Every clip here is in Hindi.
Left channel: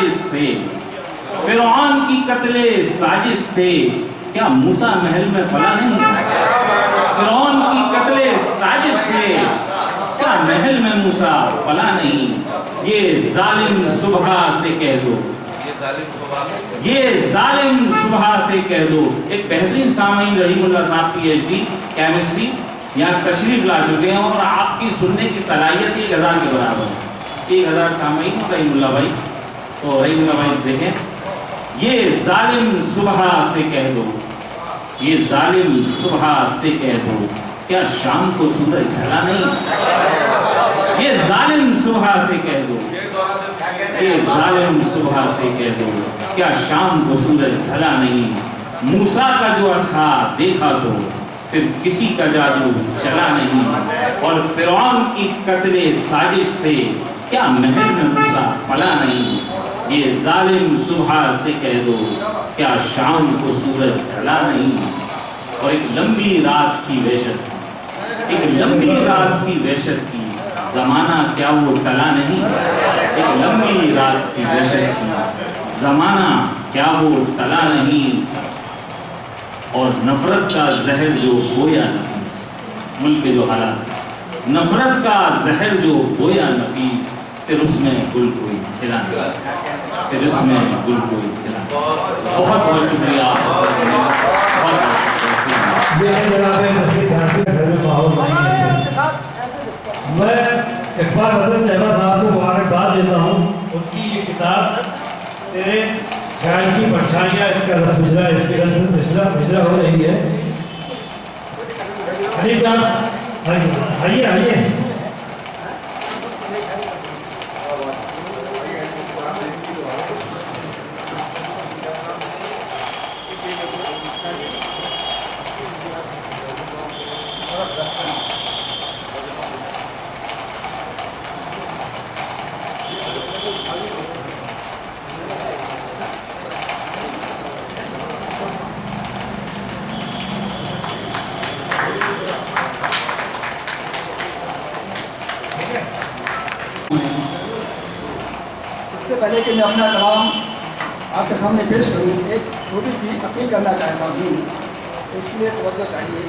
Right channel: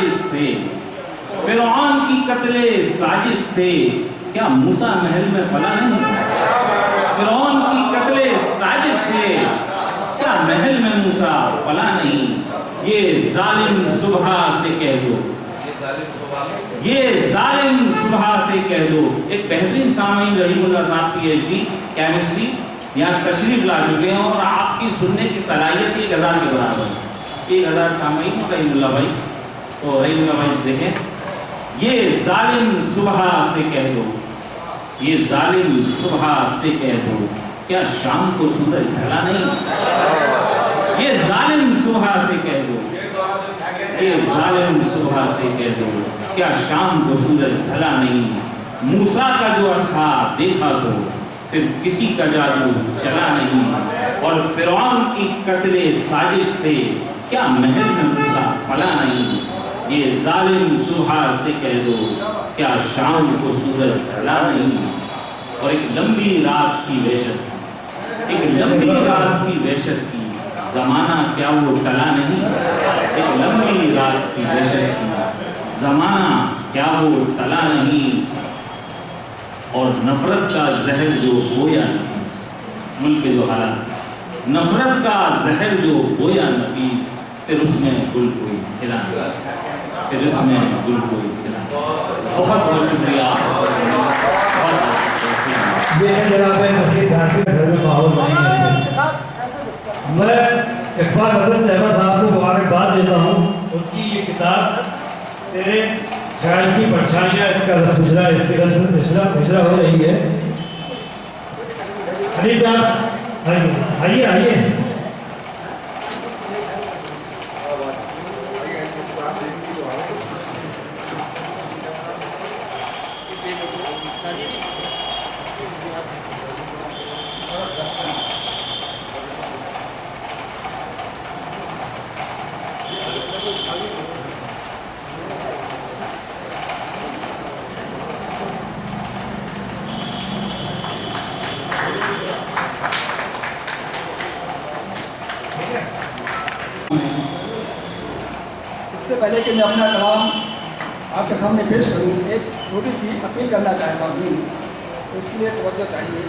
साजिश से, फिरौन की कत्ले साजिश से क्या मूसा महल में पला नहीं? फिरौन की कत्ले साजिश से क्या महल में मूसा पला नहीं? ये जालिम सुबह से कह दो, ये जालिम सुबह से कह दो। एक बेहतरीन सामीन रहीमुल्लाह साहब PhD केमिस्ट्री यहाँ तशरीफ ला चुके हैं और आपकी सुनने की सलाहियत 1000 के बराबर है। 1000 सामीन रहीमुल्लाह भाई, तो रहीमुल्लाह भाई देखें, ये जालिम सुबह से कह दो, ये जालिम सुबह से कह दो क्या शाम को सूरज ढला नहीं? ये जालिम सुबह से कह दो, ये जालिम सुबह से कह दो क्या शाम को सूरज ढला नहीं? मूसा का जो असहा देखा तो फिर किसी का जादू चला नहीं, और फिरौन की कत्ले साजिश से क्या महल में मूसा पला नहीं? ये जालिम सुबह से कह दो क्या शाम को सूरज ढला नहीं? और एक लंबी रात की वहशत, एक लंबी रात की वहशत की जमाना क्या वो टला नहीं? एक लंबी रात की वहशत की जमाना क्या वो टला नहीं? और नफरत का जहर जो बोया नफीस, मुल्क के जो हालात, नफरत का जहर जो बोया नफीस, फिर उसमें गुल कोई खिला नहीं, फिर उसमें गुल कोई खिला। बहुत बहुत शुक्रिया। मैं इकबाल हसन साहब साहब को मुबारकबाद देता हूँ। उनकी ये किताब तेरे ख्याल की परछाइयाँ, इसका रसमिसरा, इसकी रसमिसरा हो रही है। अली साहब आइए आइए। इससे पहले कि मैं अपना कलाम आपके सामने पेश करूं, एक छोटी सी अपील करना चाहता हूं, इसलिए तवज्जो चाहिए।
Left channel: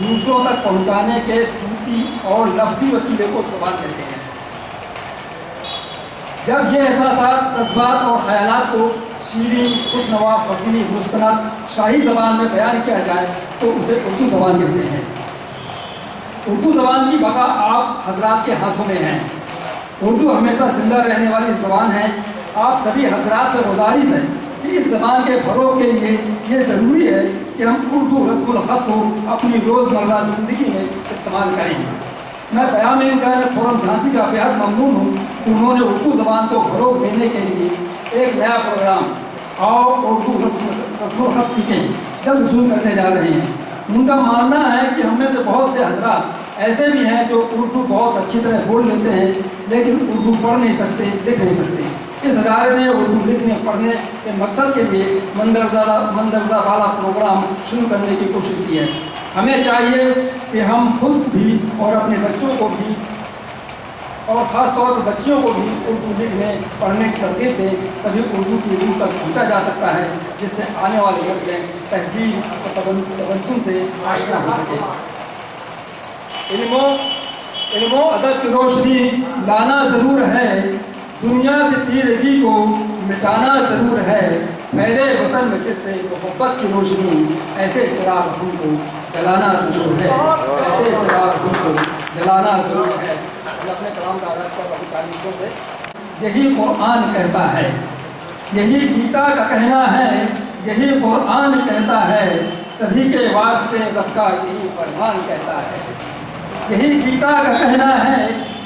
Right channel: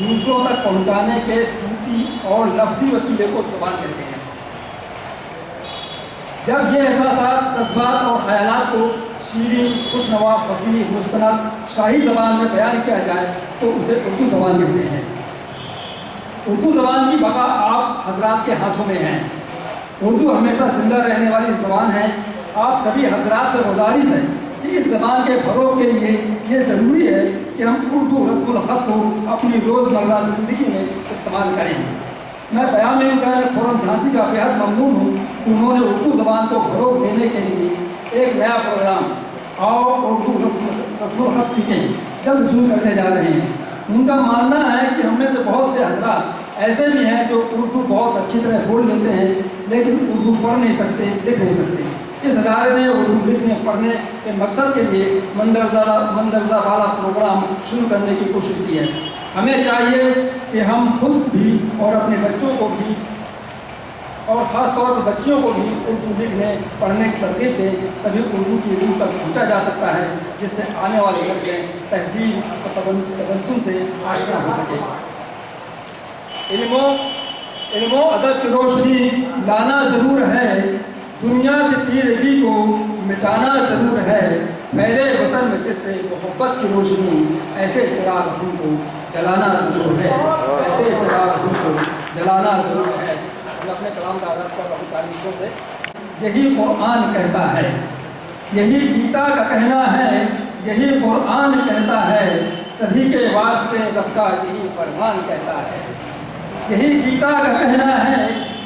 दूसरों तक पहुंचाने के सूती और लफ्ज़ी वसीले को ज़ुबान कहते हैं। जब ये एहसासात, जज्बात और ख़यालात को शीरीन, खुशनवा, फसीह, मुस्तनद, शाही ज़बान में बयान किया जाए तो उसे उर्दू ज़बान कहते हैं। उर्दू ज़बान की बका आप हजरात के हाथों में है। उर्दू हमेशा जिंदा रहने वाली ज़बान है। आप सभी हजरात से गुजारिश है कि इस ज़बान के फ़रोग़ के लिए ये ज़रूरी है कि हम उर्दू रस्मुल ख़त को अपनी रोज़मर्रा ज़िंदगी में इस्तेमाल करें। मैं क़याम इंसानियत फोरम झांसी का बेहद ममनून हूँ। उन्होंने उर्दू ज़बान को फ़रोग़ देने के लिए एक नया प्रोग्राम और उर्दू रस्मुल ख़त सीखें जल्द शुरू करने जा रहे हैं। उनका मानना है कि हम में से बहुत से हजरात ऐसे भी हैं जो उर्दू बहुत अच्छी तरह बोल लेते हैं, लेकिन उर्दू पढ़ नहीं सकते, लिख नहीं सकते। इस अदारे ने उर्दू लिखने पढ़ने के मकसद के लिए मंदरजा वाला प्रोग्राम शुरू करने की कोशिश की है। हमें चाहिए कि हम खुद भी और अपने बच्चों को भी, और ख़ास तौर पर बच्चियों को भी उर्दू लिखने पढ़ने की तरगीब दें, तभी उर्दू की रूह तक पहुँचा जा सकता है, जिससे आने वाली नस्लें तहजीब और तमद्दुन से आशना हो सके। इल्मो अदब की रोशनी लाना ज़रूर है, दुनिया से तीरगी को मिटाना ज़रूर है। मेरे वतन में जिससे मोहब्बत की रोशनी, ऐसे चिराग को जलाना ज़रूर है, ऐसे चिराग को जलाना ज़रूर है। मैं अपने कलाम का आगाज़ कर रहा हूँ 4 मिनटों से। यही कुरान कहता है, यही गीता का कहना है, यही कुरान कहता है, सभी के वास्ते रब का यही फरमान कहता है। यही गीता का कहना है,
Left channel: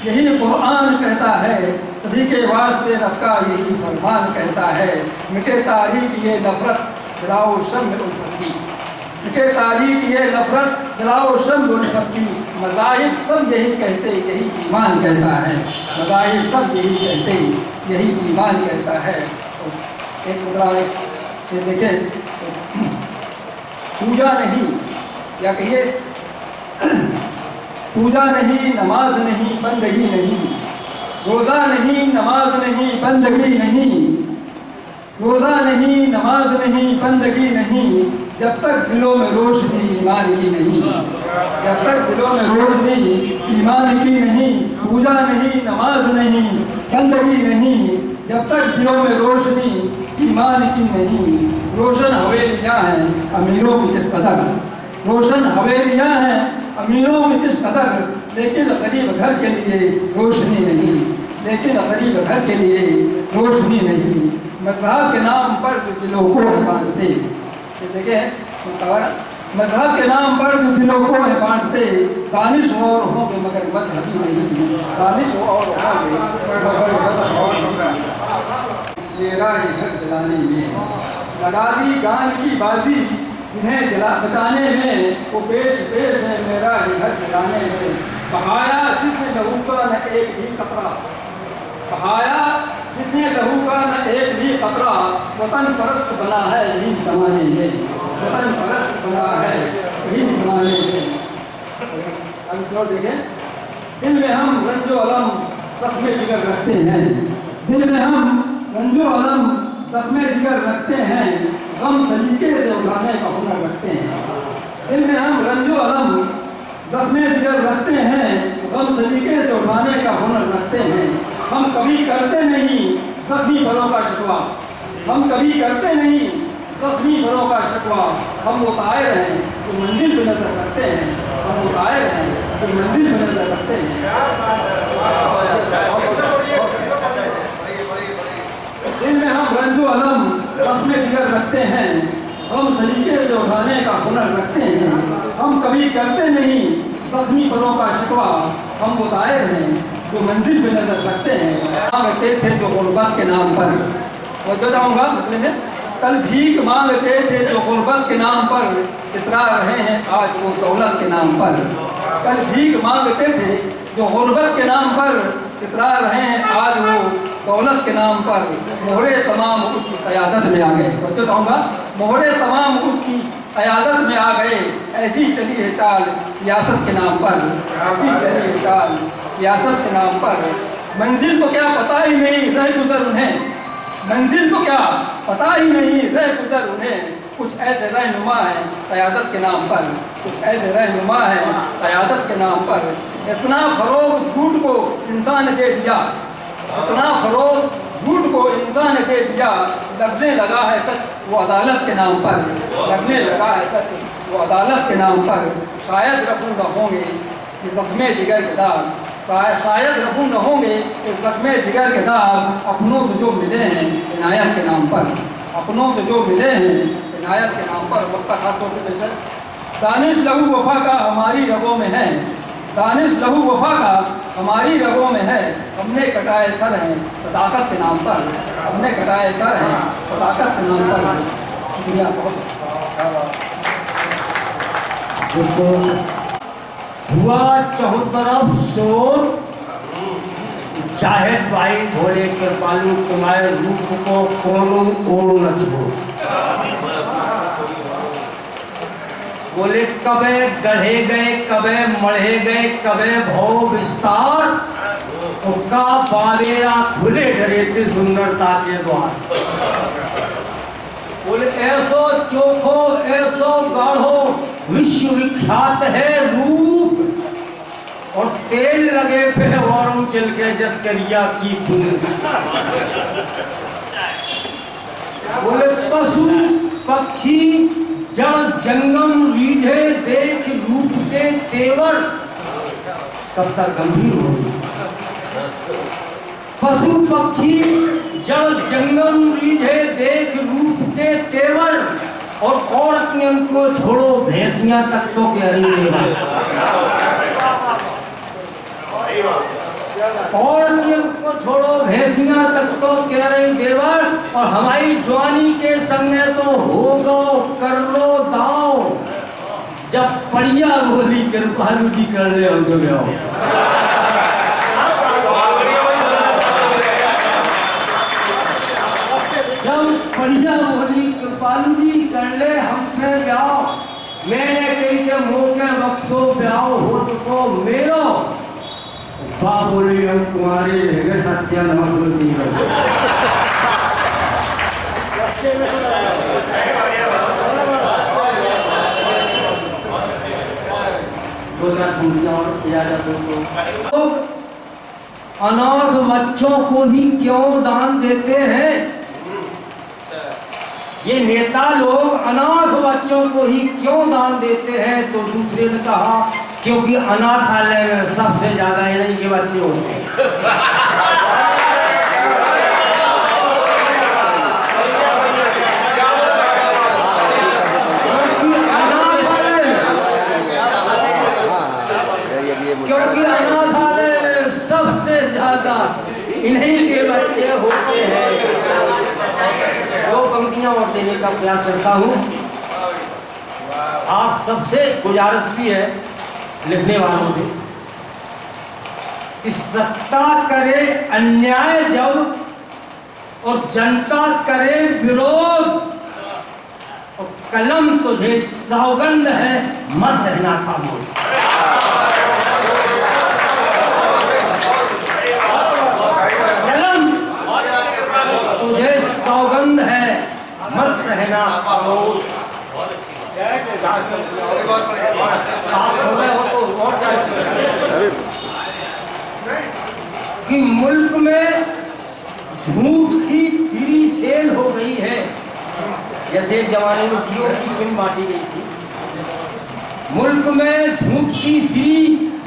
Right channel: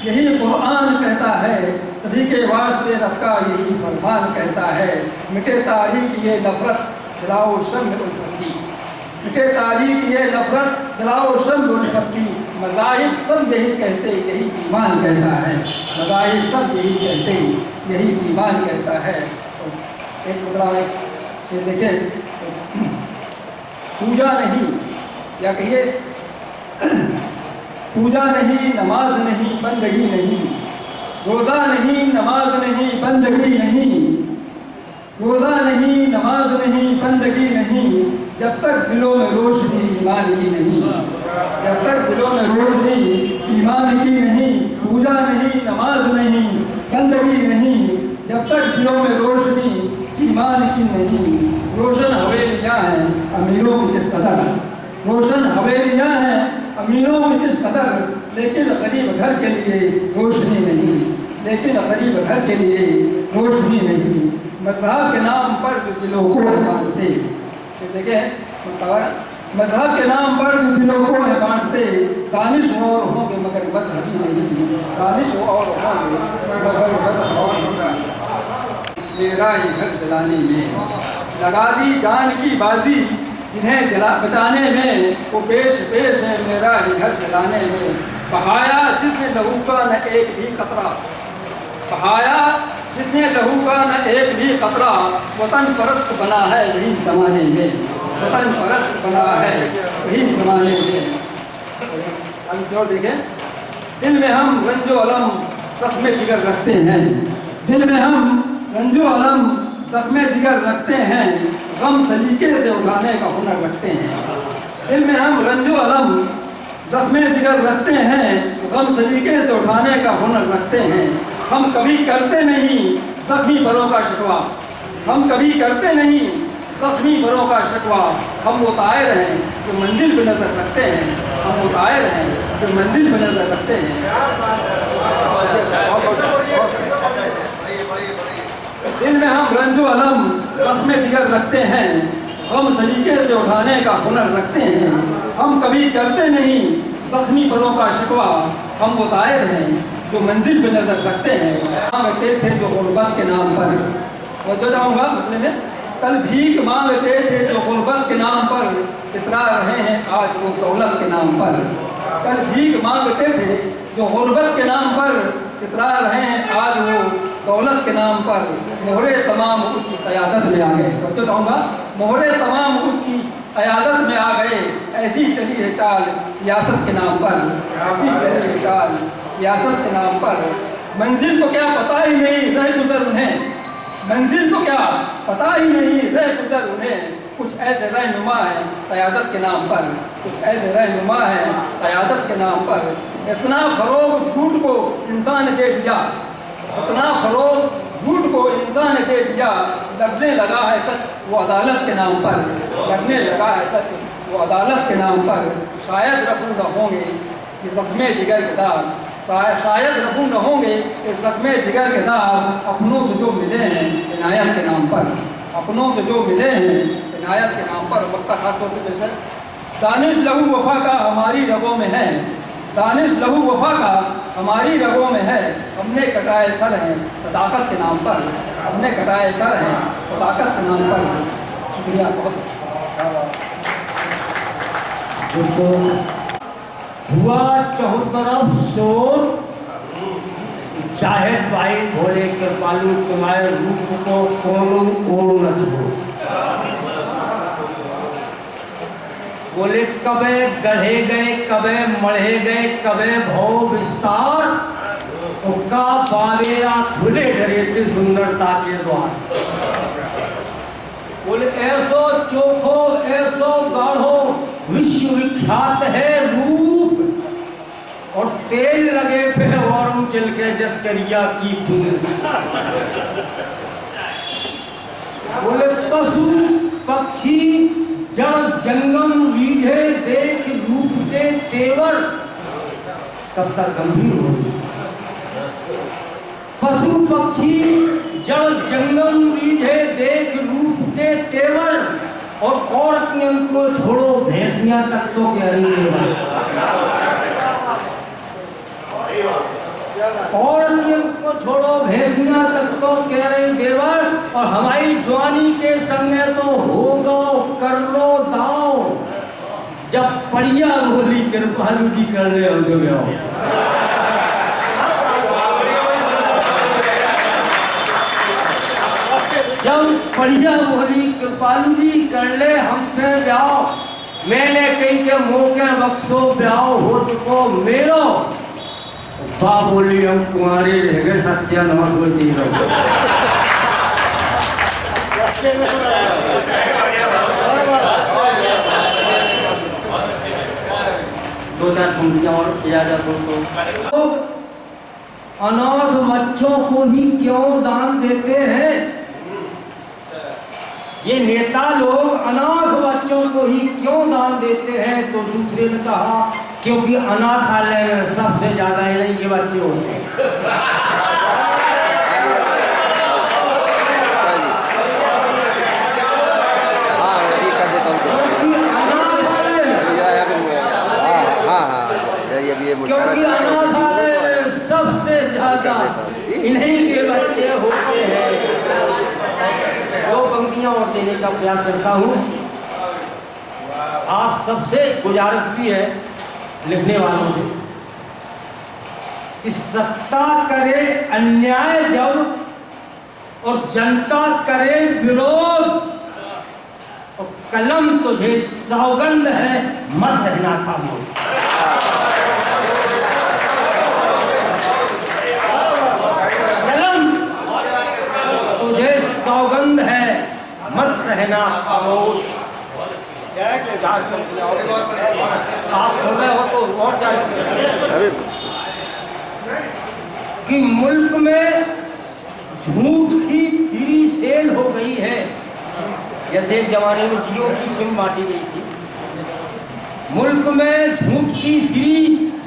यही कुरान कहता है, सभी के वास्ते रब का यही फरमान कहता है। मिटे तारीख ये नफरत, जलाओ शम्म उल्फत की, मिटे तारीख ये नफरत, जलाओ शम्म उल्फत की। मज़ाहिब सब यही कहते, यही ईमान कहता है। मज़ाहिब सब यही कहते, यही ईमान कहता है। और एक मुद्रा से देखें तो, पूजा नहीं, या कहिए पूजा नहीं, नमाज नहीं, बंदगी नहीं, रोज़ा नहीं, नमाज नहीं, बंदगी नहीं, रोज़ा नहीं, नमाज नहीं, बंदगी नहीं, जब तक दिलों में रोशनी ईमान की नहीं, जब तक दिलों में रोशनी ईमान की नहीं, पूजा नहीं, नमाज नहीं, बंदगी नहीं, जब तक दिलों में रोशनी ईमान की नहीं। रोशन हवेलियाँ हैं अमीरों की किस कदर, रोशन हवेलियाँ हैं अमीरों की किस कदर, लेकिन गरीब घर के लिए रोशनी नहीं, लेकिन गरीब घर के लिए रोशनी नहीं। मज़हब के नाम पर जो दिलों को बांटते, देखें मज़हब के नाम पर जो दिलों को है बांटते, दानिश और होंगे मगर मजहबी नहीं, दानिश और होंगे मगर मजहबी नहीं। मेरा ही घर जलाने में लगा दी जान की बाजी, इन्हें बचाने में वो पेश पेश है मेरा ही घर जलाने में। बहाया जिसने लहू का न एक भी खतरा, बहाया जिसने लहू का न एक भी खतरा, वतन परस्त बना है यही ज़माने में, वतन परस्त बना है यही ज़माने में। अब देखें, दिल में हम रंजो अलम ज़ख्मे जिगर रखते हैं, दिल में हम रंजो अलम ज़ख्मे जिगर रखते हैं, गम सलीके से उठाने का हुनर रखते हैं। दिल में हम रंजो अलम ज़ख्मे जिगर रखते हैं, गम सलीके से उठाने का हुनर रखते हैं। हम कभी करते नहीं ज़ख्मी परों का शिकवा, हम कभी करते नहीं ज़ख्मी परों का शिकवा। हम वो तायर हैं जो मंजिल पे नज़र रखते हैं, हम वो तायर हैं जो मंजिल पे नज़र रखते हैं। दिल में हम रंजो अलम ज़ख्मे जिगर रखते हैं, गम सलीके से उठाने का हुनर रखते हैं। हम कभी करते नहीं ज़ख्मी परों का शिकवा, हम वो तायर हैं जो मंजिल पे नज़र रखते हैं। मांगते थे जो गुर्बत के नाम पर, और जो जाऊँगा मतलब में, कल भीख मांगते थे जो गुर्बत के नाम पर, इतरा रहे हैं आज वो दौलत के नाम पर। कल भीख मांगते थे जो गुर्बत के नाम पर, इतरा रहे हैं आज वो दौलत के नाम पर। मोहरे तमाम उसकी क़यादत में आ गए, तो चाहूँगा मोहरे तमाम उसकी क़यादत में आ गए। ऐसी चली है चाल सियासत के नाम पर, ऐसी चली है चाल सियासत के नाम पर। मंजिल तो क्या पता ही नहीं रह गुजर उन्हें, मंजिल तो क्या पता ही नहीं रह गुजर उन्हें। कुछ ऐसे रहनुमा है क़यादत के नाम पर, कुछ ऐसे रहनुमा है क़यादत के नाम पर। इतना फ़रोग़ झूठ को इंसान दे दिया, इतना फ़रोग़ झूठ को इंसान दे दिया, लगने लगा है सच वो अदालत के नाम पर, लगने लगा है सच वो अदालत के नाम पर। शायद रफू न होंगे ये ज़ख्मे जिगर के दाग, शायद रफू न होंगे ये ज़ख्मे जिगर के दाग। अपनों से जो मिले हैं इनायत के नाम पर, अपनों से जो मिले हैं इनायत के नाम पर। वक्ता खास तौर पर बेशक दानिश लहू वफ़ा का हमारी रगों में है, दानिश लहू वफ़ा का हमारी रगों में है। हमने कटाए सर हैं सदाकत के नाम पर, हमने कटाए सर हैं सदाकत के नाम पर। शुक्रिया बहुत। हुआ चौतरफ शोर, जाहिद भाई भोले कृपालु तुम्हारे रूप को कोनो ओर न छोड़ो। बोले कबे गढ़े गए, कबे मढ़े गए, कबे भव विस्तार, उका बावेरा खुले डरे थे सुंदरता के द्वार। बोले ऐसो चोखो ऐसो गाढ़ो विश्व विख्यात है रूप, और तेल लगे फिर और उचल के जस्करिया की फूल। बोले पशु पक्षी जड़ जंगम रीझे देख रूप के तेवर, कब तक गंभीर होगी। पशु पक्षी जड़ जंगम रीझे देख रूप के तेवर, और औरत नियम को छोड़ो भैंसियां तक तो कह रही है। और नियम को छोड़ो भैंसियां तक तो कह रहे देवर, और हमारी जवानी के संग तो हो गो कर लो दाओ। जब बढ़िया बोली कृपालु जी कर रहे हो जो आओ। जब बढ़िया बोली कृपालु जी कर ले हमसे ब्याह, मैंने कई के मौके बक्सो ब्याह हो चुको मेरो बा बोली हम कुंवारे रहेंगे सत्या नमक में दी रहो। दो चार पंक्तियां और किया जाए तो अनाथ बच्चों को ही क्यों दान देते हैं? ये नेता लोग अनाथ बच्चों को ही क्यों दान देते हैं? तो दूसरे ने कहा क्योंकि अनाथालय में सबसे ज्यादा इन्हीं के बच्चे होते हैं। क्योंकि अनाथालय में सबसे ज्यादा इन्हीं के बच्चे होते हैं। दो पंक्तियां और देने का प्रयास करता हूं। आप सबसे गुजारिश भी है लिखने वालों से कि सत्ता करे अन्याय जब और जनता करे विरोध और कलम तुझे सौगंध है मत रहना खामोश। तुझे सौगंध है मत रहना खामोश। आप हो रहे हो तो और चाहिए कि मुल्क में झूठ की फ्री सेल हो गई है। जैसे एक जमाने में जियो की सिम बांटी गई थी, मुल्क में झूठ की फ्री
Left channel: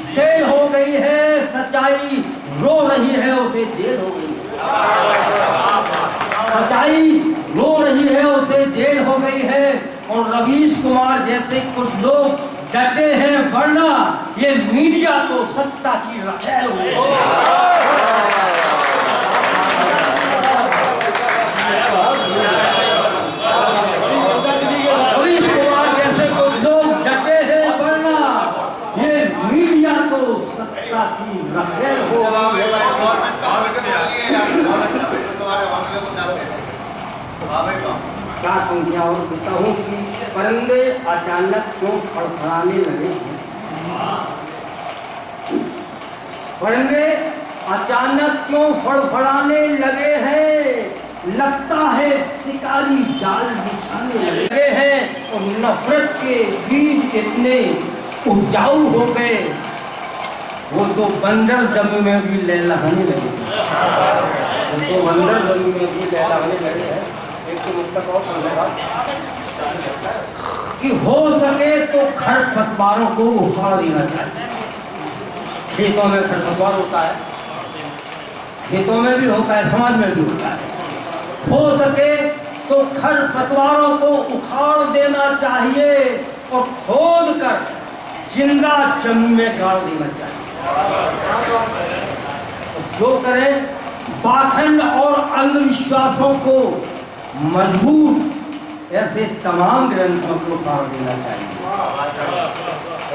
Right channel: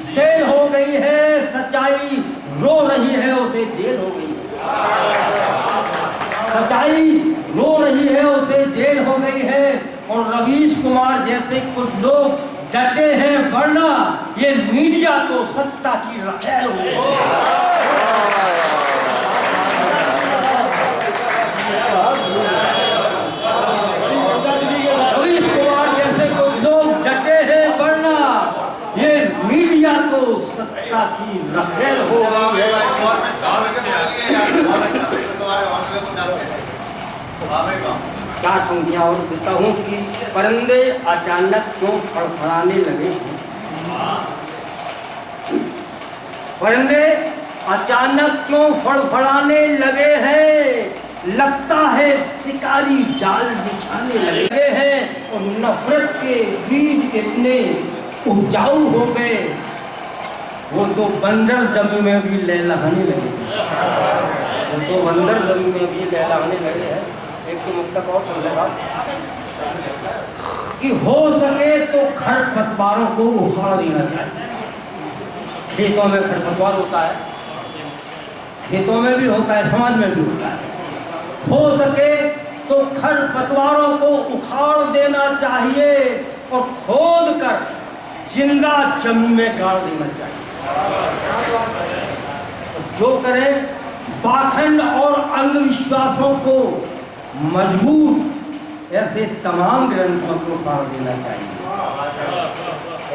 सेल हो गई है। सच्चाई रो रही है उसे जेल हो गई है। सच्चाई रो रही है उसे जेल हो गई है। और रवीश कुमार जैसे कुछ लोग डटे हैं वरना ये मीडिया तो सत्ता की रखेल हो गई। रवीश कुमार जैसे कुछ लोग डटे हैं वरना ये मीडिया तो सत्ता की रखेल हो गई। चार पंक्तियां और देता हूँ कि परिंदे अचानक क्यों फड़फड़ाने लगे हैं? परिंदे अचानक क्यों फड़फड़ाने लगे हैं? लगता है शिकारी जाल बिछाने लगे हैं। और नफरत के बीज इतने उपजाऊ हो गए वो तो बंजर जमीन में भी लहलहाने लगे। वो तो बंजर जमीन में भी लहलहाने लगे हैं। एक तो मुक्तक और समझेगा कि हो सके तो खरपतवारों को उखाड़ देना चाहिए। खेतों में खरपतवार होता है, खेतों में भी होता है, समाज में भी होता है। हो सके तो खरपतवारों को उखाड़ देना चाहिए और खोद कर जिंदा जमीन में गाड़ देना चाहिए। जो करें पाखंड और अंधविश्वासों को मजबूत ऐसे तमाम ग्रंथों को फाड़ देना चाहिए।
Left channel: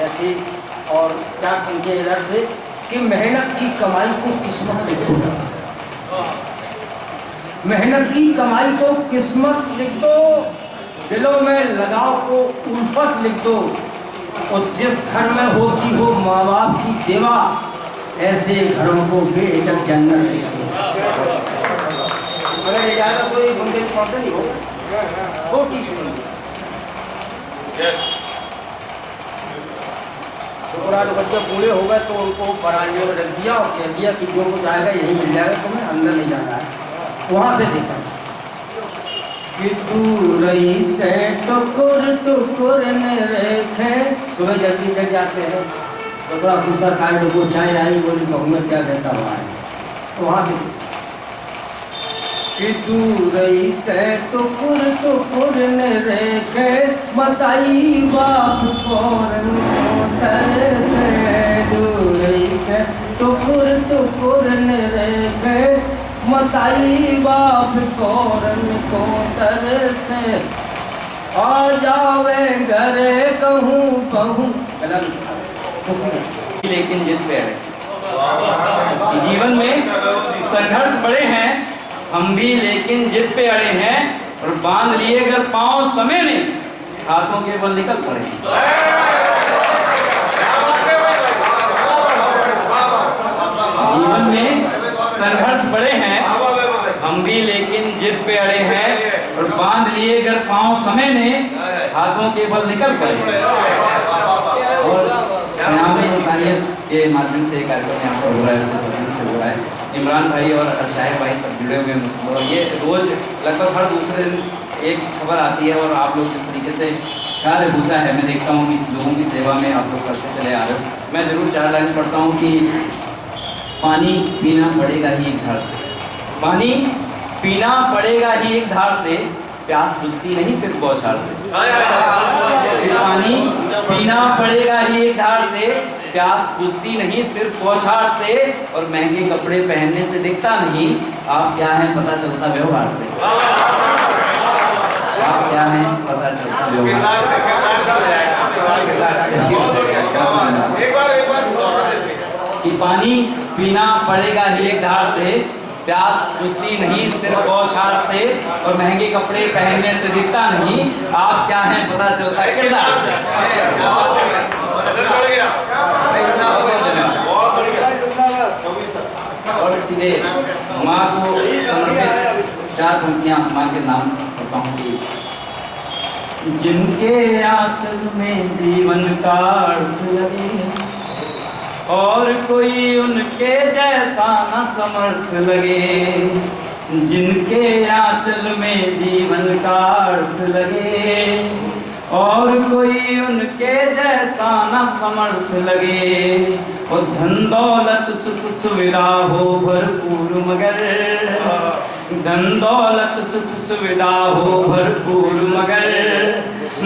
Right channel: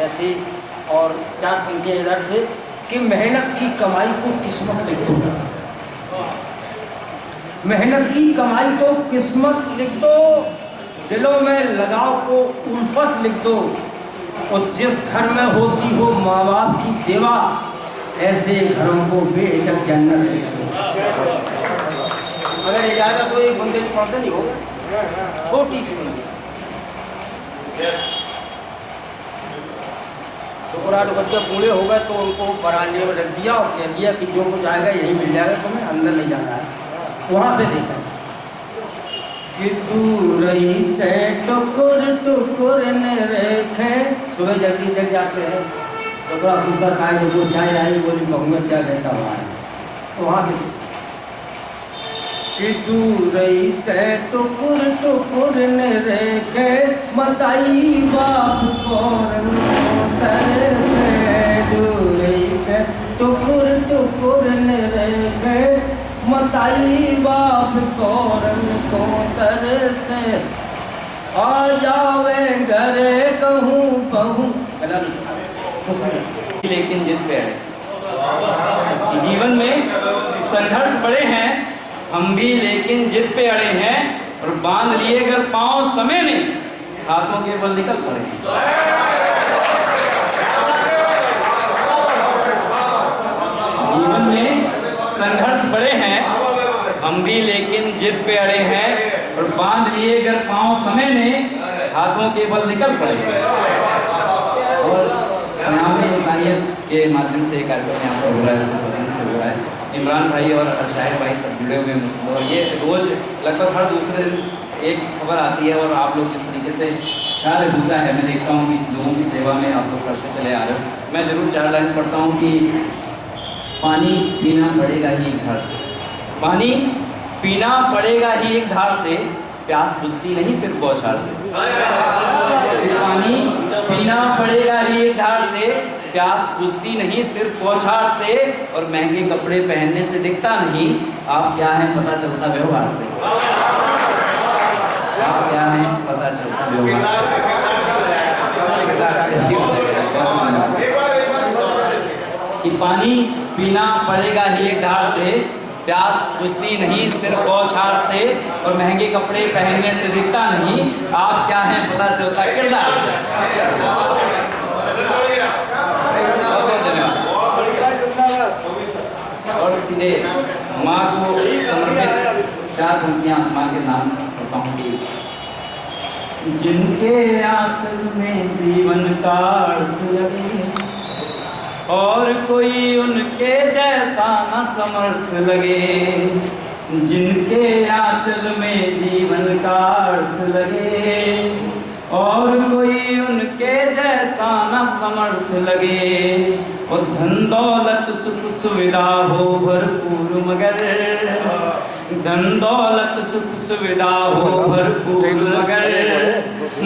ऐसे और चार पंक्तियां इधर से कि मेहनत की कमाई को किस्मत लिख दो। मेहनत की कमाई को किस्मत लिख दो। दिलों में लगाव को उल्फत लिख दो। और जिस घर में होती हो माँ बाप की सेवा ऐसे घरों को बेहिचक जन्नत लिख दो। अगर ये जाएगा तो एक बंदे को पढ़ते नहीं होगा तो ठीक है। तो बच्चे बूढ़े हो गए तो उनको बरामदे में रख दिया और कह दिया कि जो कुछ आएगा यही मिल जाएगा, तुम्हें अंदर नहीं जाना है। वहाँ से देखा कि तू रही से टुकुर टुकुर ने रेखे। सुबह जल्दी जग जाते हैं तो थोड़ा पूछता काय को चाय आई, बोली बहू में क्या कहता हुआ है। तो वहाँ से कि तू रही से टुकुर टुकुर ने रेखे बताई बाप कौन से। तू रही से टुकुर टुकुर ने रेखे बताई बाप कौन को तर से। आ जावे घरे कहूँ कहूँ लेकिन जिद पे अड़े। जीवन में संघर्ष बड़े हैं, हम भी लेकिन जिद पे अड़े हैं। और बांध लिए अगर पाँव समय ने हाथों के बल निकल पड़े। जीवन में संघर्ष बड़े हैं हम भी, लेकिन जिद पे अड़े हैं और बांध लिए अगर पांव समय ने, हाथों के बल निकल पड़े। और यहाँ पे इंसानियत के माध्यम से कार्यक्रम यहाँ पर हो रहा है, उसको से हो रहा है। इमरान भाई और शाहिद भाई सब जुड़े हुए हैं मुझसे, और ये रोज लगभग हर दूसरे दिन एक खबर आती है और आप लोग जिस तरीके से कार्य होता है, मैं देखता हूँ कि लोगों की सेवा में आप लोग करते चले आ रहे हो। मैं ज़रूर 4 लाइन पढ़ता हूँ कि पानी पीना पड़ेगा ही एक धार से, पानी पीना पड़ेगा ही एक धार से, प्यास बुझती नहीं सिर्फ बौछार से। पानी पीना पड़ेगा ही एक धार से, प्यास बुझती नहीं सिर्फ बौछार से, और महंगे कपड़े पहनने से दिखता नहीं आप क्या हैं पता चलता व्यवहार से। आप क्या हैं पता चलता व्यवहार से। कि पानी पीना पड़ेगा ही एक धार से, प्यास बुझती नहीं सिर्फ बौछार से, और महंगे कपड़े पहनने से दिखता नहीं आप क्या हैं पता चलता किरदार से। और सीधे माँ को समर्पित 4 पंक्तियाँ माँ के नाम करता हूँ कि जिनके आंचल में जीवन का अर्थ लगे, और कोई उनके जैसा न समर्थ लगे। जिनके आंचल में जीवन का अर्थ लगे, और कोई उनके जैसा न समर्थ लगे। और धन दौलत सुख सुविधा हो भरपूर, मगर धन दौलत सुख सुविधा हो भरपूर, मगर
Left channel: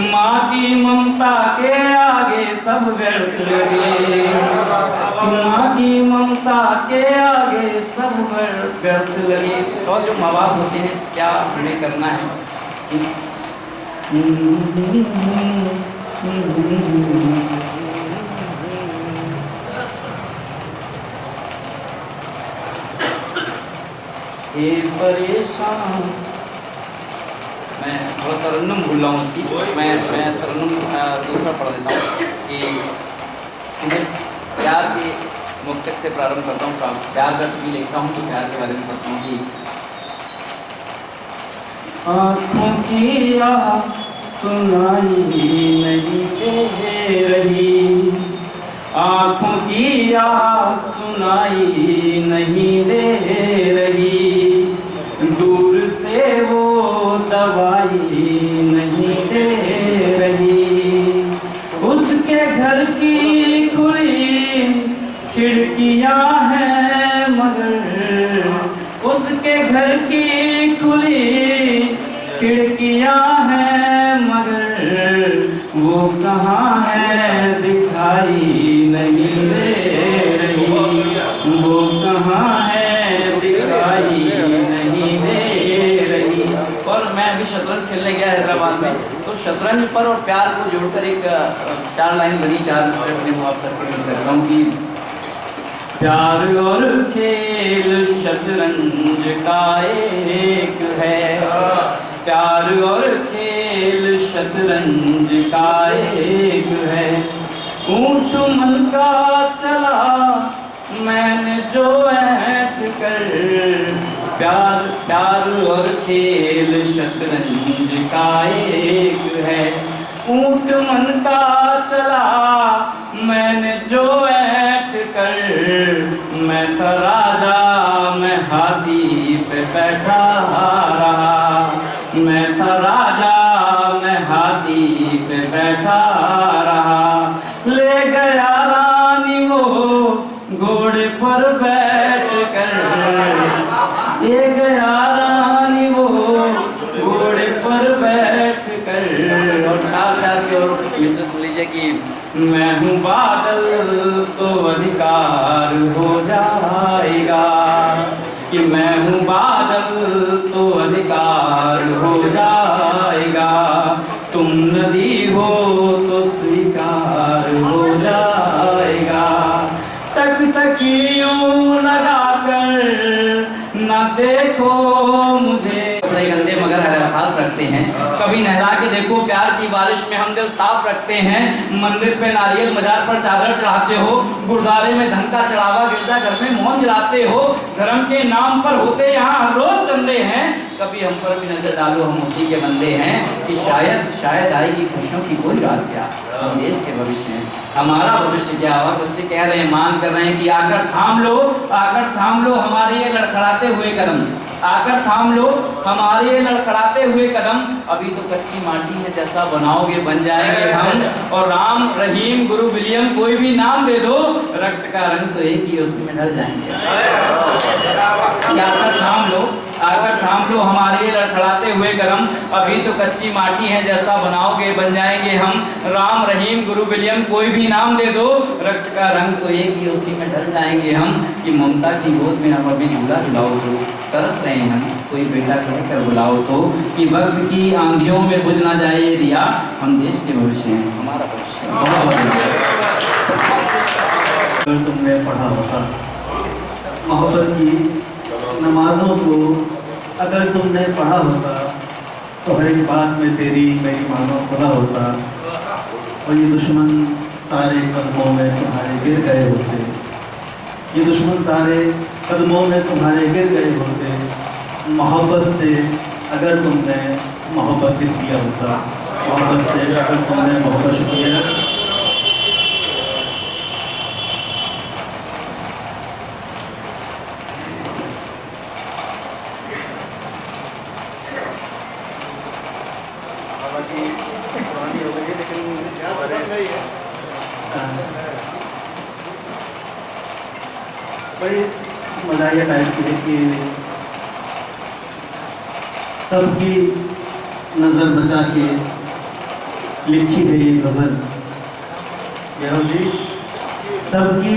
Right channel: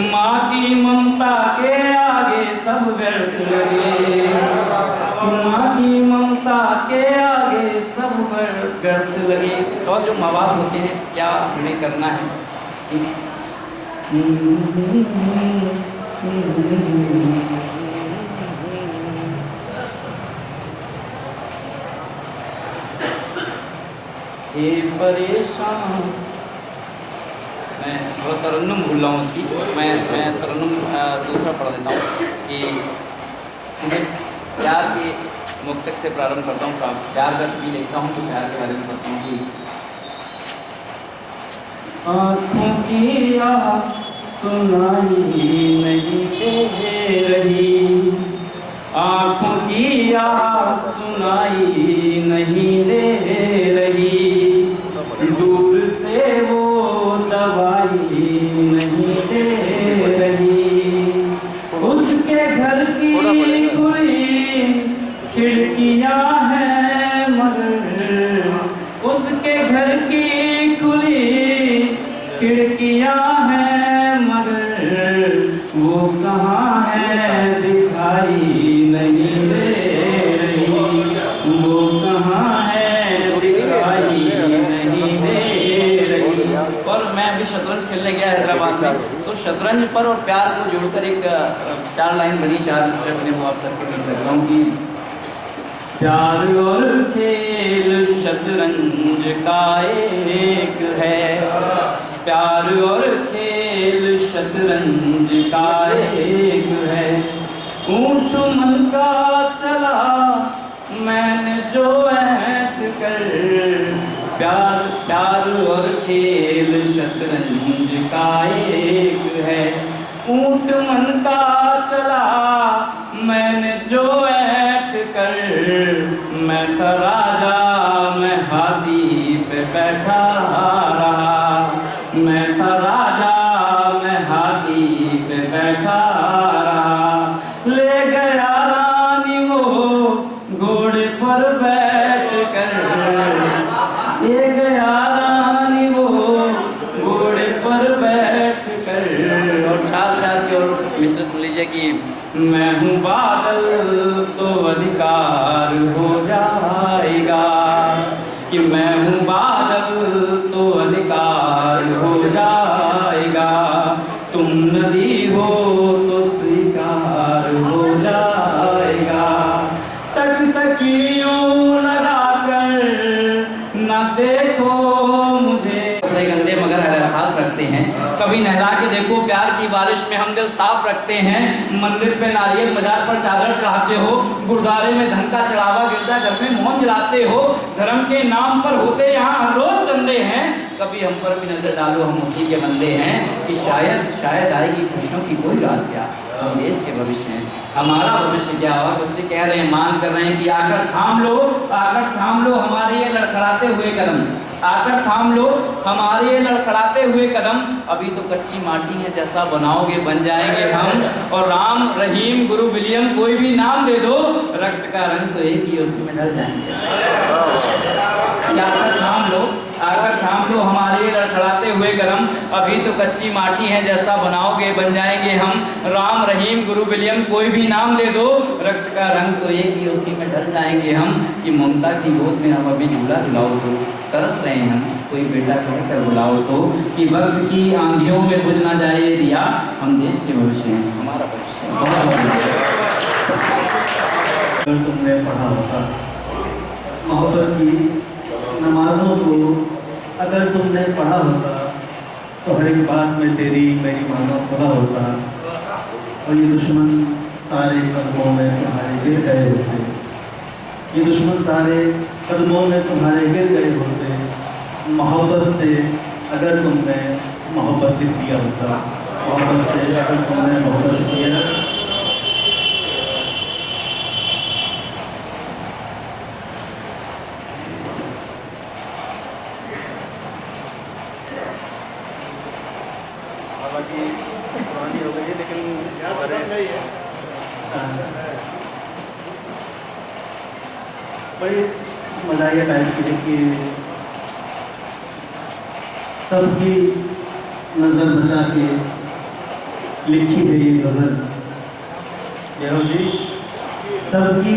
माँ की ममता के आगे सब व्यर्थ लगे। माँ की ममता के आगे सब व्यर्थ लगे। और जो माँ बाप होते हैं क्या हमें करना है, ये परेशान, मैं थोड़ा तरन्नुम भूल रहा हूँ उसकी, मैं तरन्नुम दूसरा पढ़ देता हूँ कि सीधे प्यार के मुक्तक से प्रारंभ करता हूँ। प्यार का भी लिखता हूँ तो प्यार के बारे में पढ़ता हूँ कि आँखों की राह सुनाई नहीं दे रही, आँखों की राह सुनाई नहीं दे रही, दूर से वो दवाई नहीं दे रही। उसके घर की खुली खिड़कियाँ हैं, मगर उसके घर की खुली खिड़कियाँ हैं, मगर वो कहाँ है दिखाई नहीं दे रही। वो कहाँ है दिखाई नहीं दे रही। और मैं अभी शतरंज खेलने गया हैदराबाद में, तो शतरंज पर और प्यार को जोड़कर एक 4 लाइन बनी, 4 अपने आप सर पर लिख सकता हूँ कि प्यार और खेल शतरंज का एक है, प्यार और खेल शतरंज का एक है। ऊँट मन का चला मैंने जो ऐठ कर, प्यार और खेल शतरंज का एक है। ऊँट मन का चला मैंने जो ऐठ कर, मैं था राजा मैं हाथी पे बैठा रहा, मैं था राजा मैं हाथी पे बैठा रहा। ले गया रानी वो घोड़े पर बैठ कर, ले गया रानी वो घोड़े पर बैठ कर। और छात्र की ओर मिस्टर सुन लीजिए कि मैं हूँ बादल तो अधिकार हो जाएगा, कि मैं हूँ बादल तो अधिकार हो जाएगा। तुम नदी हो तो स्वीकार हो जाएगा। तक तकियों लगा कर न देखो मुझे, कपड़े गंदे मगर एहसास रखते हैं। कभी नहला के देखो प्यार की बारिश में हम दिल साफ रखते हैं। मंदिर पे नारियल, मजार पर चादर चढ़ाते हो, गुरुद्वारे में धन का चढ़ावा, गिरजा घर में मौन जलाते हो। धर्म के नाम पर होते यहाँ हर रोज चंदे हैं। कभी हम पर भी नजर डालो, हम उसी के बंदे हैं कि शायद आएगी खुशियों की कोई रात क्या। हम देश के भविष्य हैं, हमारा भविष्य क्या। और बच्चे कह रहे हैं, मांग कर रहे हैं कि आकर थाम लो हमारे ये लड़खड़ाते हुए कदम, आकर थाम लो हमारे ये लड़खड़ाते हुए कदम। अभी तो कच्ची माटी है, जैसा बनाओगे बन जाएंगे हम। और राम, रहीम, गुरु, विलियम कोई भी नाम दे दो, रक्त का रंग तो एक ही, उसी में ढल जाएंगे। आकर थाम लो हमारे ये लड़खड़ाते हुए कदम। अभी तो कच्ची माटी है, जैसा बनाओगे बन जाएंगे हम। राम, रहीम, गुरु, विलियम कोई भी नाम दे दो, रक्त का रंग तो एक ही, उसी में ढल जाएंगे हम। कि ममता की गोद में हम अभी झूला झुलाओ तो, तरस रहे हैं हम, कोई बेटा कह कर बुलाओ तो। कि वक्त की आंधियों में बुझ ना जाए ये दिया, हम देश के भविष्य हैं, हमारा भविष्य। अगर तुमने पढ़ा होता मोहब्बत की नमाजों को, अगर तुमने पढ़ा होता तो हर एक बात में तेरी मेरी मानो खुदा होता। और ये दुश्मन सारे कदमों में तुम्हारे गिर गए होते, ये दुश्मन सारे कदमों में तुम्हारे गिर गए होते। मोहब्बत से अगर तुमने मोहब्बत लिख दिया होता, मोहब्बत से अगर तुमने मोहब्बत शुक्रिया। हालांकि पुरानी हो गई है, लेकिन बड़ी मज़ाहिया टाइप की है कि सबकी नज़र बचा के लिखी है ये गज़ल। यारो जी, सबकी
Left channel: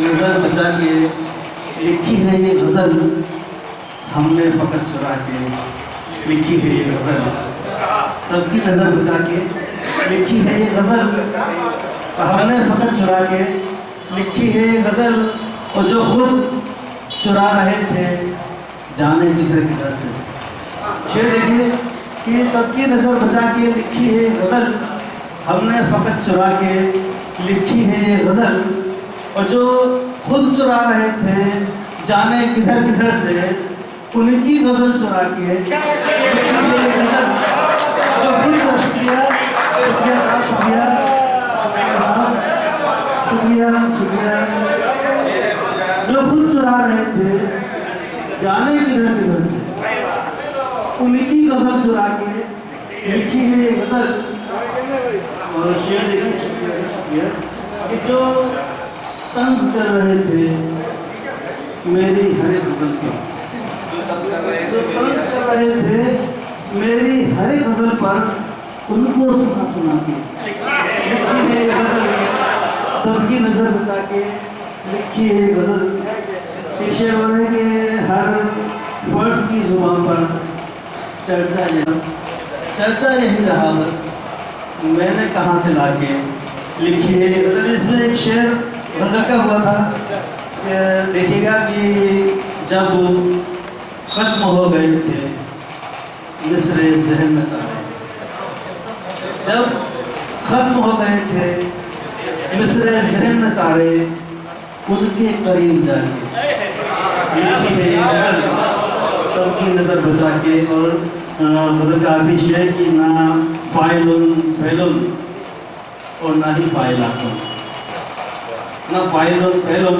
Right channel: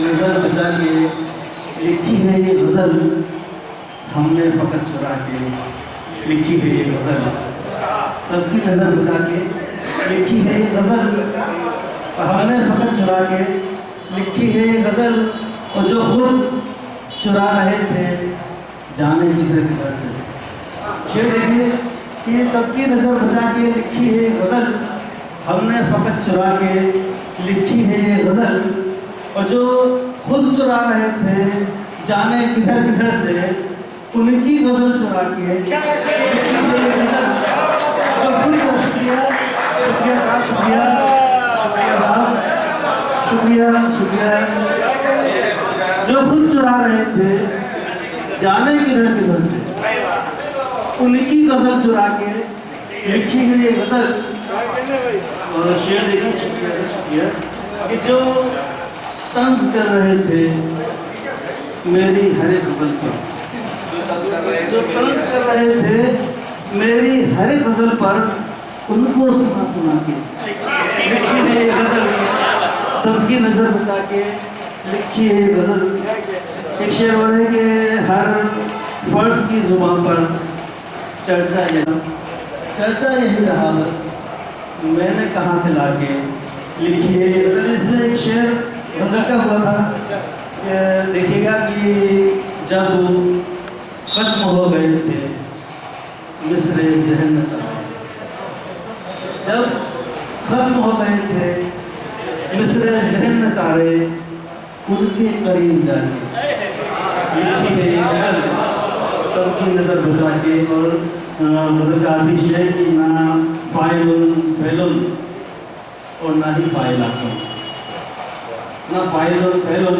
नज़र बचा के लिखी है ये गज़ल, हमने फ़कत चुरा के लिखी है ये गज़ल। सबकी नज़र बचा के लिखी है ये गज़ल, हमने फ़कत चुरा के लिखी है ये गज़ल। और जो खुद चुरा रहे थे जाने किधर किधर से। शेर देखिए कि सबकी नज़र बचा के लिखी है गज़ल, हमने फ़कत चुरा के लिखी है ये गज़ल। और जो खुद चुरा रहे थे जाने किधर किधर से, उनकी गज़ल चुरा के लिखी है ये गज़ल। जो खुद शुक्रिया शुक्रिया साहब, शुक्रिया शुक्रिया शुक्रिया। जो खुद चुरा रहे थे जाने किधर किधर से, उनकी गज़ल चुरा के लिखी है ये गज़ल। और शेर देखिए, शुक्रिया कि जो तंज कर रहे थे मेरी हर एक गज़ल पर, जो तंज कर रहे थे मेरी हर एक गज़ल पर, उनको सुना सुना के लिखी है ये गज़ल। सबकी नज़र बचा के लिखी है ये गज़ल। एक शेर और है कि हर फर्द की ज़ुबान पर चर्चा यही रहा बस, मैंने कहाँ से लाके लिखी है ये गज़ल। इसमें एक शेर गज़ल का हुआ था, देखिएगा कि जब वो ख़त्म हो गए थे मिस्रे ज़हन में सारे, जब ख़त्म हो गए थे मिस्रे ज़हन में सारे, उनके करीब जाके लिखी है ये गज़ल। सबकी नज़र बचा के। और गज़ल का आखिरी शेर कि ना फ़ाइलुन फ़ैलुन और ना ही फ़ाइलातुन, ना फ़ाइलुन फ़ैलुन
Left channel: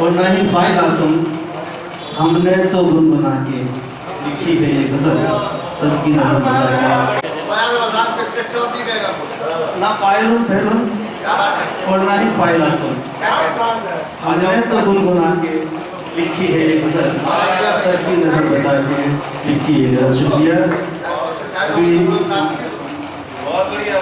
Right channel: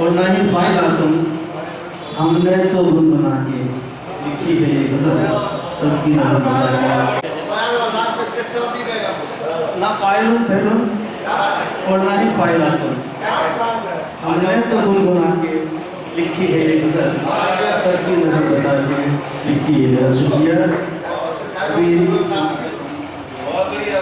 और ना ही फ़ाइलातुन, हमने तो गुनगुना के लिखी है ये गज़ल। सबकी नज़र बचा के। ना फ़ाइलुन फ़ैलुन और ना ही फ़ाइलातुन, हमने तो गुनगुना के लिखी है ये गज़ल। सबकी नज़र बचा के लिखी है गज़ल। शुक्रिया। बहुत बढ़िया।